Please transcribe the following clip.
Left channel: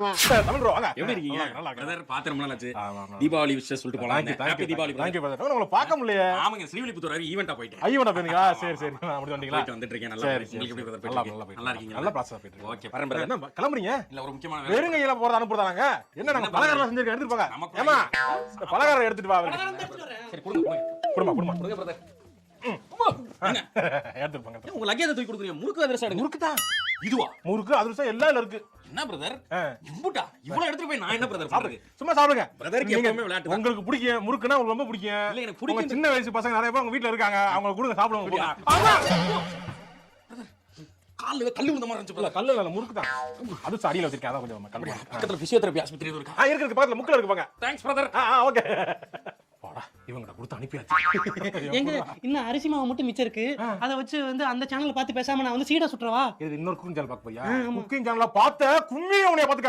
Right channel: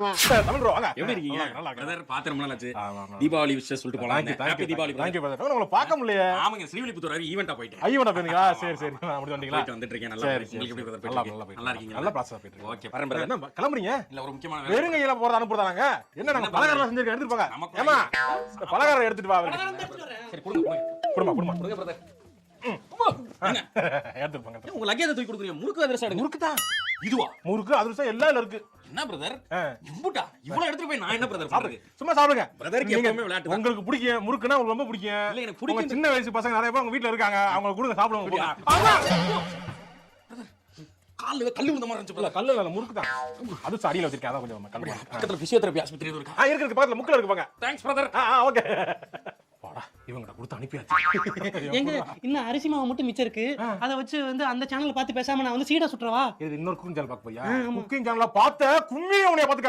Tamil bro, வாங்க. எப்படி இருக்கீங்க? நல்லா இருக்கேன். பிரதர் பாத்து ரொம்ப நாள் ஆச்சு. ஆமா, ஆமா. தீபாவளி விஷயம் சொல்லிட்டு போலாம். Thank you, thank happy you, Deepavali thank you, brother. உங்களை பார்க்க முடியலையே. ஆமாங்க, ஸ்ரீவில்லிபுத்தூர் வரை ஈவென்ட்டா போயிட்டேன். ஐயோட போனீங்களா? சரி சரி அப்படி வந்தீங்களா? போயிட்டு வந்துட்டு இருக்கேன். நல்லா சரி இருக்கு. சரி உங்களுக்கு எப்படி பிரதர் நல்லா போயிட்டு நல்லா நல்லா இருக்கீங்க? நல்லா பாசா போயிட்டு இருக்கு. ஓகே, வரேன் பிரதர். என்ன கிளம்புறீங்க? இல்ல ஒரு முக்கியமான வேலை. வெறும் கையில போறது அனுப்புறதாங்க. என்ன நம்ம பலகாரம் செஞ்சிருக்க எடுத்துட்டு போங்க. நமக்கு ஏமா பலகாரம் எடுத்துட்டு வா அவருக்கு. சரி கொடுங்க. குடுமா குடுமா. கொடுங்க பிரதர். எடுத்துட்டு போங்க. உங்க லக்கேஜ் தூக்கி கொடுக்குறீங்க. முறுக்கு அதிரசம் எடுங்க. முறுக்கு தான். இதுவா? முறுக்கு அதிரசம் எல்லாம் இருக்கு. என்ன பிரதர்? ஆ. இவ்வளவு எடுத்துட்டு போய் நான் என்ன பிரதர் சாப்பிடுறது? சும்மா சாப்பிடுங்க. பிரதருக்கு எப்பவுமே விளையாட்டு தான். உங்களுக்கு பிடிக்கும் முறுக்குனா உங்களுக்கு ரொம்ப பிடிக்கும். இல்ல, எனக்கு உங்க பிடிக்கும். சின்ன வயசு பசங்க நிறைய பேர் உங்க வீட்ல இருக்காங்க. அவங்க கொடுங்க சாப்பிடுங்க. கால்ல கல்லு விழுந்த மாதிரி இருந்துச்சு இல்ல பிரதர். கல்லு இல்ல முறுக்கு தான். அது அடியில வச்சிருக்கேன். அதான் கொஞ்சம் கல்லு. பக்கத்துல பிசியோதெரபி ஆஸ்பத்திரி எதுவும் இருக்கா? இருக்கு பக்கத்துல முக்கில இருக்கு போங்க. Thanks brother. ஓகே. வாடா இவங்க கொடுத்து அனுப்பியாச்சு. எங்க இன்னும் அரிசி மாவு மட்டும் மிச்சம் இருக்கு. அதை வச்சு வந்து அந்த சேனலை பார்த்து பேசாம நான் வந்து சீடா சுட்டுறவா. இது இன்னொரு குக்கிங் சேனல் பார்க்க போறியா? குக்கிங் சேனல்ல பார்த்த கும்மி உன்னைய பாத்துக்க.